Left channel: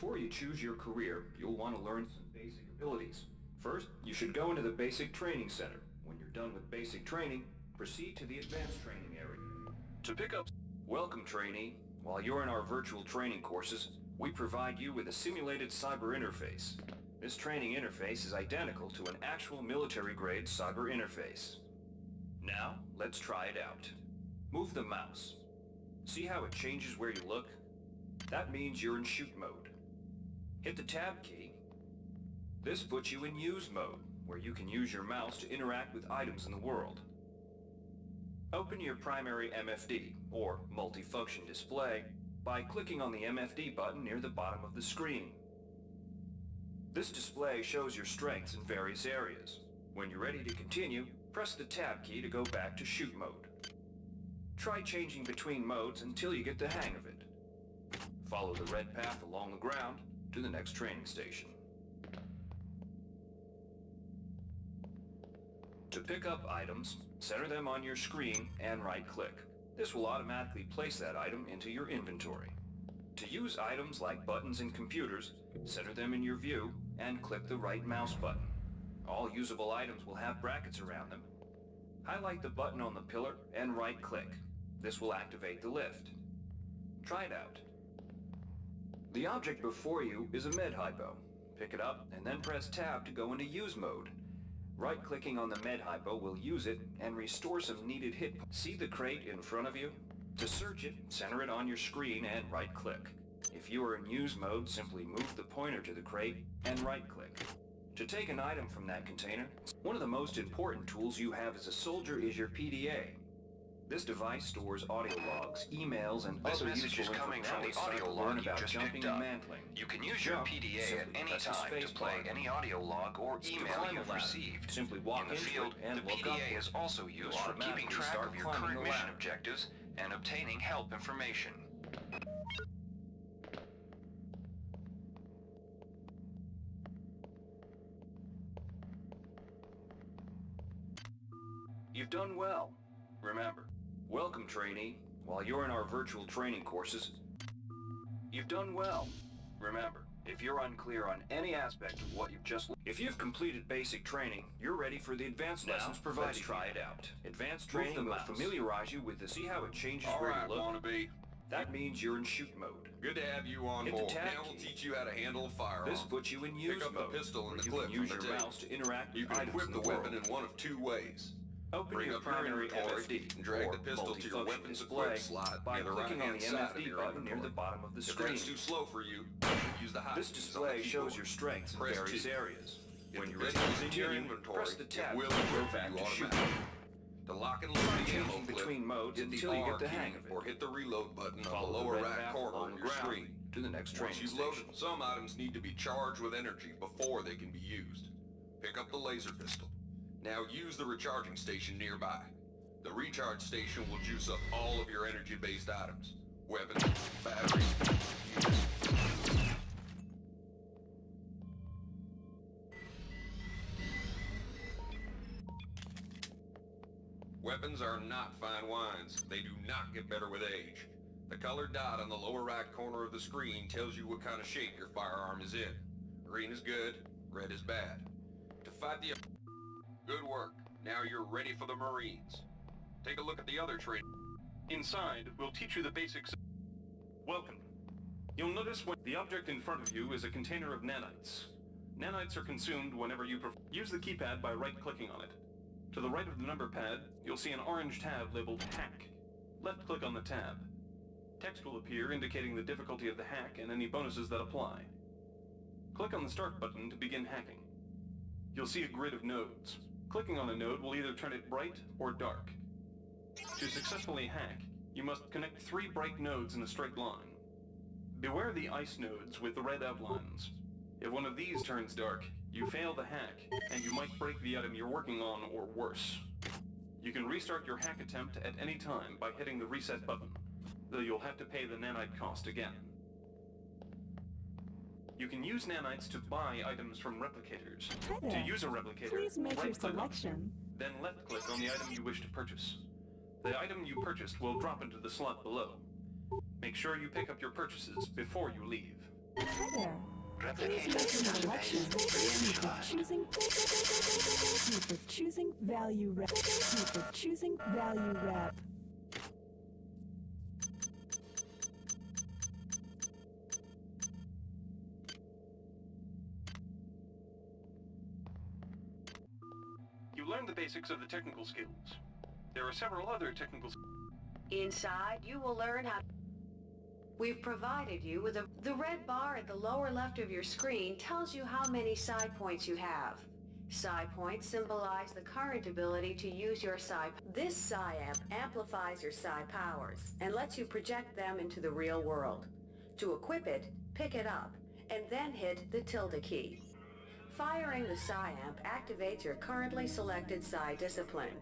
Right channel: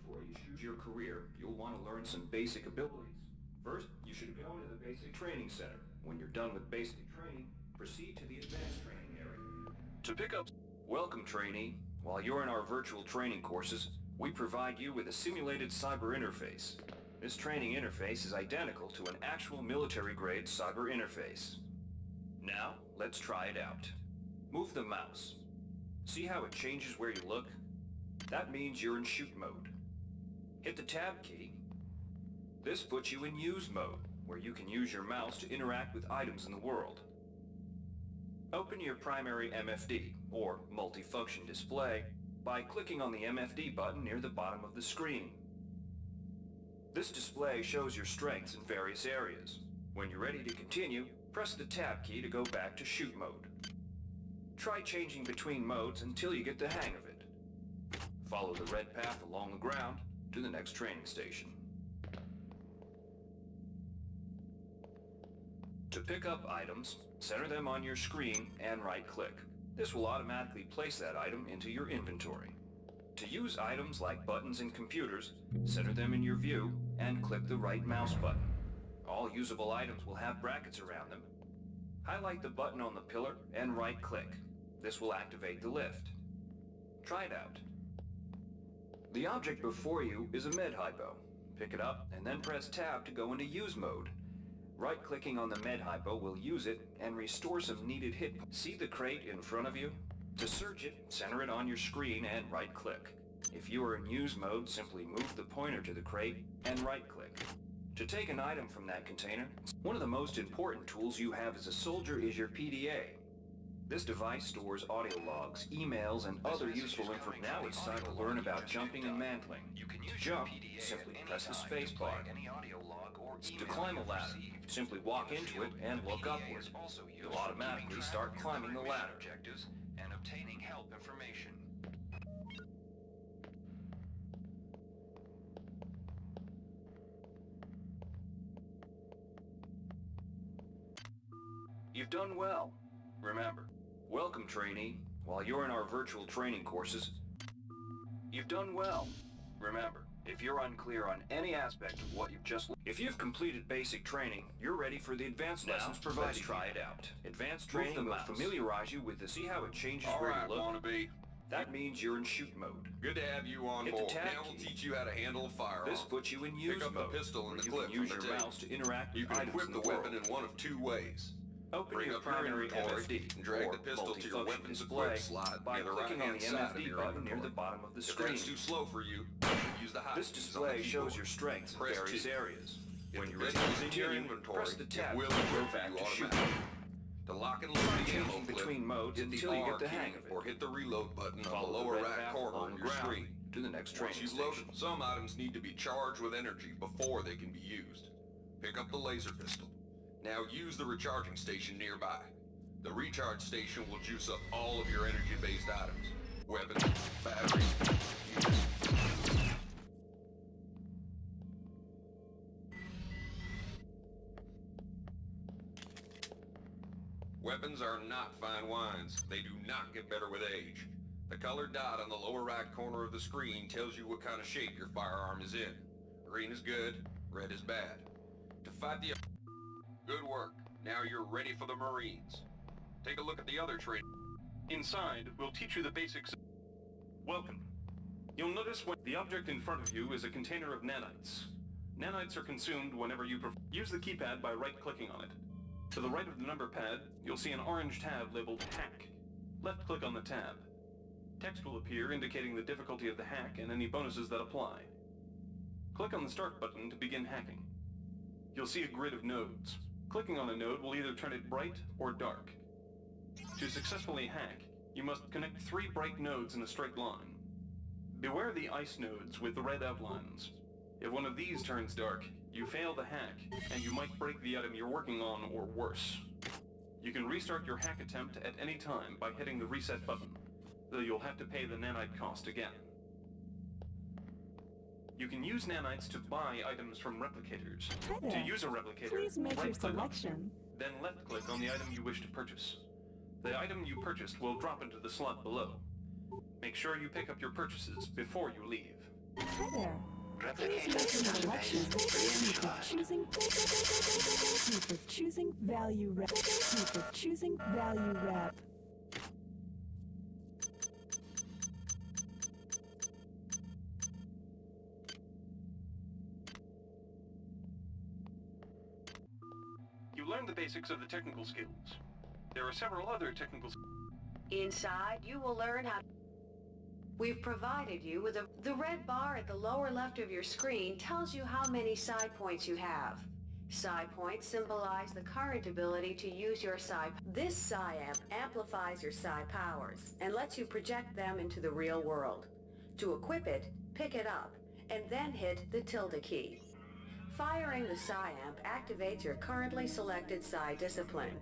Before you choose your career, you'll want to learn some basic abilities. First, you should go into the Basic Training Center. When you're done with basic training, proceed to the Advanced Training area. To pick up... Welcome, trainee. While you're in our virtual training courses, we provide you with a simulated cyber interface. This training interface is identical to an actual military-grade cyber interface. Now, let's try it out. Move the mouse. See how it changes where you look? That means you're in shoot mode. Hit the tab key. This puts you in use mode, where you can use your mouse to interact with items in the world. Open your primary MFD, or multifunction display, by clicking on the MFD button near the bottom of the screen. This display shows your strengths in various areas. When you're ready to continue, press the tab key to go back to shoot mode. Try changing between modes until you get the hang of it. Follow the red path along the ground to the next training station. To pick up items, center them on your screen and right-click. This will automatically place that item into your inventory. To use items like buttons in computers, center them in your view and click the right mouse button. All usable items will have brackets around them. Highlight the button on the pillar and right-click. This will activate the lift. Try it out. The object before you is a med hypo. Pick it up and then press tab to go into use mode. Right-clicking on the med hypo will use it and restore some needed hit. See the crate in front of you? To search it, center it on your screen and right-click. If you are in use mode, simply move the pointer to the crate and right-click. To take an item from that container, one of the most important tools you have as a soldier is your PDA. This device stores audio logs, emails, and other useful information. Now it's time to learn about jumping and mantling. You can use your PDA at any time to play any audio log or email you've received. Simply walk into it and look upward. The PDA is also used for keeping track of your current mission objectives and obtaining help information. You've done well. Remember, welcome, trainee. While you're in our virtual training courses, you've done well. Remember, if you're unclear on any aspect of what you've just... If you've completed basic training, you're ready for the advanced lessons provided. Let's try it out. Advanced training will familiarize you with see how it changes where you look. Wannabe. That means you're in shoot mode. Good to have you on board. Now we'll teach you how to handle a firearm. This puts you in use mode. Pick up the pistol and the clip use from the your tape. mouse to interact You with can items equip in the the weapon world. in one of two ways. Open Bring your up your primary inventory MFD and drag or the pistol to your multifunction weapons display equipped slot by near the clicking on right-hand the side of MFD your button near inventory. the bottom of the If screen. that's too slow for you, use the hot This keys on the display shows keyboard. your strengths in Press various T. areas. If When the you're ready pistol's to in your continue, inventory, press the tab it will to go equip back you to shoot. automatically. To lock and load the Changing ammo clip, between modes hit the until you R get the key hang of it. or hit the reload button on Follow the the lower red right path corner along on the your ground screen. to the next Once training you've station. loaded, some items need to be charged with energy before they can be used. Pick up the laser pistol. Now use the recharging station nearby. The recharge station will juice up all of your energy-based items. Weapons, batteries, fuses. Weapons are not fine wines. They do not get better with age. The colored dot on the lower right corner of the screen tells you what kind of shape your firearm is in. Green is good, red is bad. To fight the... Good work. Now you're ready for the Marines. Take a look at the other training. Inside, we'll teach you the basics. Welcome. You'll notice when the object in front of you is a container of nanites. Nanites are consumed whenever you use the keypad by right-clicking on it. To the right of the number pad, you'll see an orange tab labeled Hack. Left-click on the tab. Text will appear indicating the difficulty of the hack and any bonuses that apply. Click on the Start button to begin hacking. You'll see a grid of nodes. Clicking on a node will either turn it bright or dark. To successfully hack, you must connect 3 bright nodes in a straight line. Beware the ice nodes with the red outlines. If one of these turns dark, you fail the hack, and you might break the item you're working on or worse. You can restart your hack attempt at any time by hitting the reset button, though you'll have to pay the nanite cost again. You can use nanites to buy items from replicators. Hi there. To use a replicator, Please make your right-click on it, selection. then left-click on the item you wish to purchase. The item you purchased will drop into the slot below. Make sure you pick up your purchases before you leave. Hi there. Replicating Please make an election. initialized. Thank you for choosing Value Rep. Thank you for choosing Value Rep. You learned the basics of the technical skills. There are several other technical Inside, you will learn how... We've provided you with the red bar at the lower left of your screen tells you how many psi points you have. Psi points symbolize the current ability to use your psi. This psi amp amplifies your psi powers and lets you project them into the real world. To equip it, pick it up, and then hit the tilde key. Firing the psi amp activates your currently selected psi discipline.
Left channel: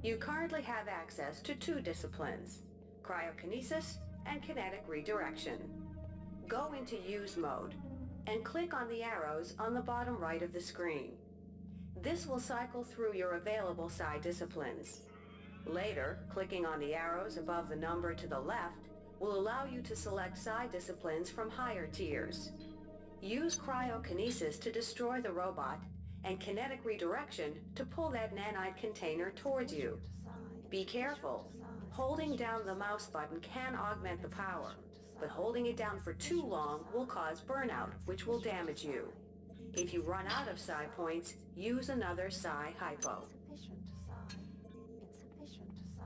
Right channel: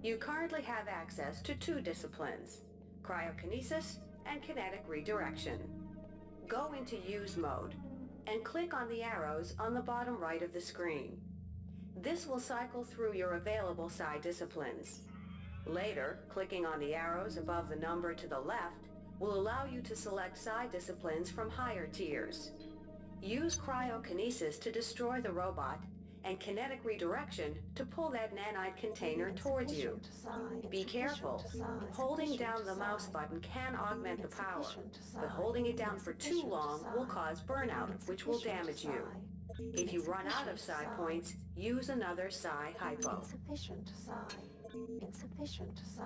You currently have access to 2 disciplines, cryokinesis and kinetic redirection. Go into use mode and click on the arrows on the bottom right of the screen. This will cycle through your available psi disciplines. Later, clicking on the arrows above the number to the left will allow you to select psi disciplines from higher tiers. Use cryokinesis to destroy the robot and kinetic redirection to pull that nanite container towards you. Be careful. Holding down the mouse button can augment the power, but holding it down for too long will cause burnout, which will damage you. If you run out of psi points, use another psi hypo. Insufficient psi. Insufficient psi.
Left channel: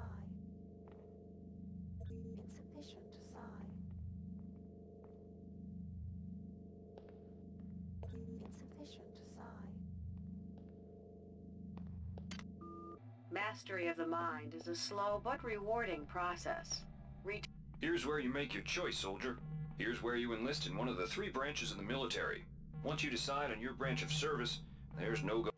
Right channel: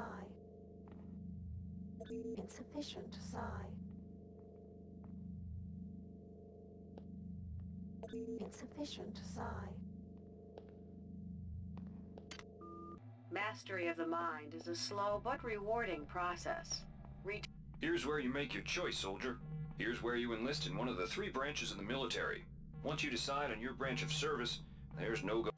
Insufficient psi. Insufficient psi. Mastery of the mind is a slow but rewarding process. Here's where you make your choice, soldier. Here's where you enlist in one of the 3 branches of the military. Once you decide on your branch of service, there's no go.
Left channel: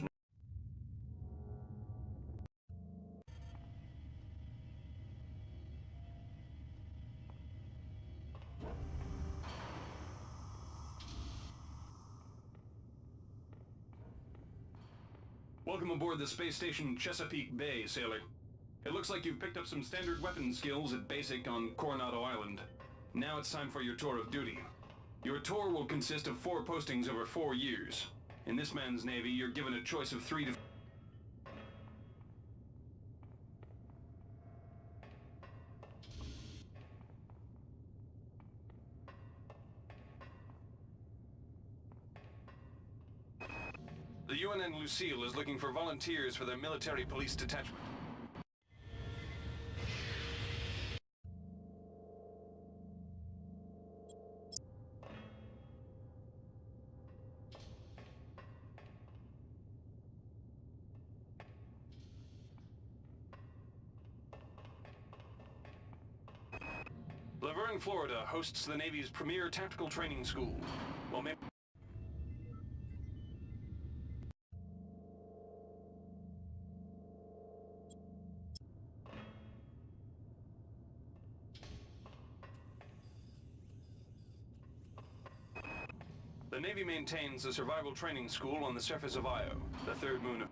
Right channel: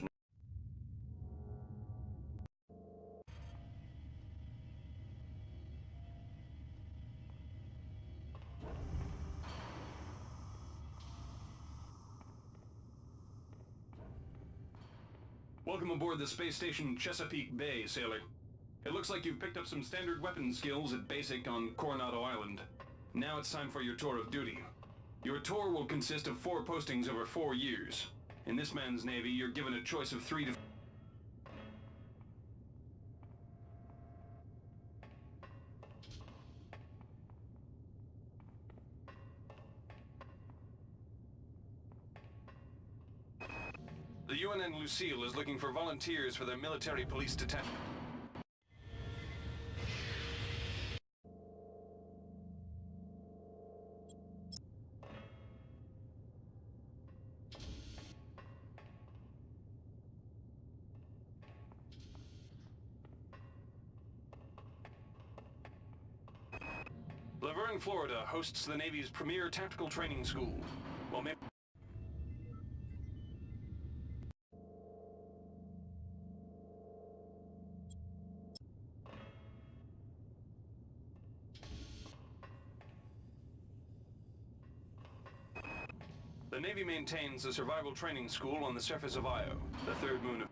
Welcome aboard the space station Chesapeake Bay, sailor. It looks like you've picked up some standard weapon skills at basic on Coronado Island. Now it's time for your tour of duty. Your tour will consist of 4 postings over 4 years. In this man's navy, you're given a choice of 3 to... The UNN Lucille is looking for volunteers for their military police detachment. Laverne, Florida hosts the Navy's premier tactical training school. Well, maybe... The Navy maintains a survival training school on the surface of Io, the 3rd moon of...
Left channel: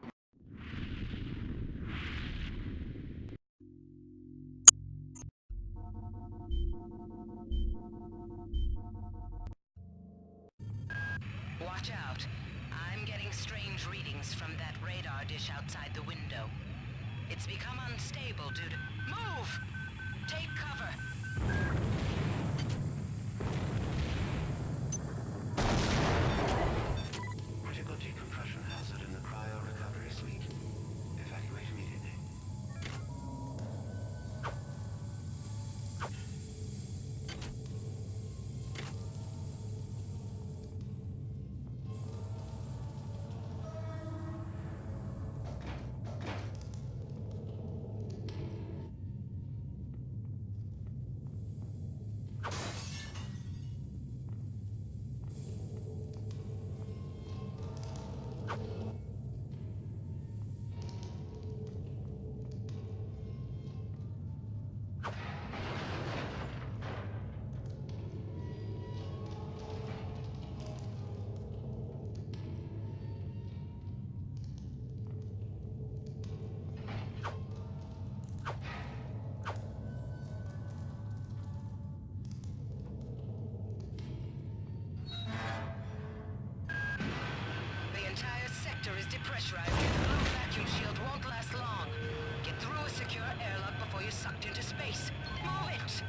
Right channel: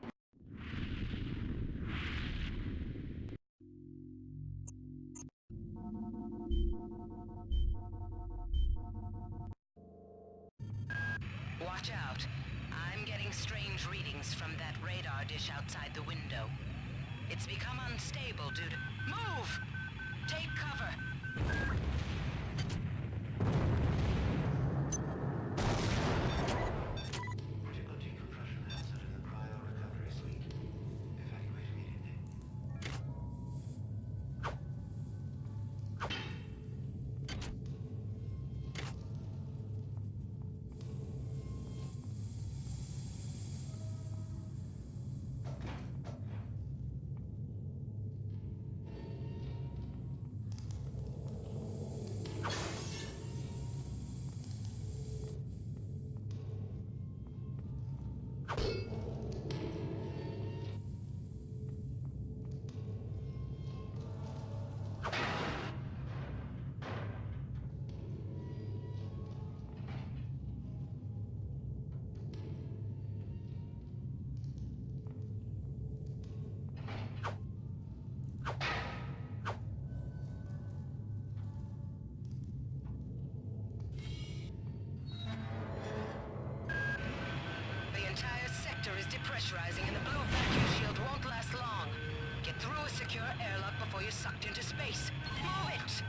Watch out. I'm getting strange readings from that radar dish outside the window. It's become unstable due to... Move! Take cover! Critical decompression hazard in the cryo recovery suite. Evacuate immediately. reactor is depressurizing and the blue vacuum shield won't last long. Get through a secure airlock before you're sucked into space. Move it!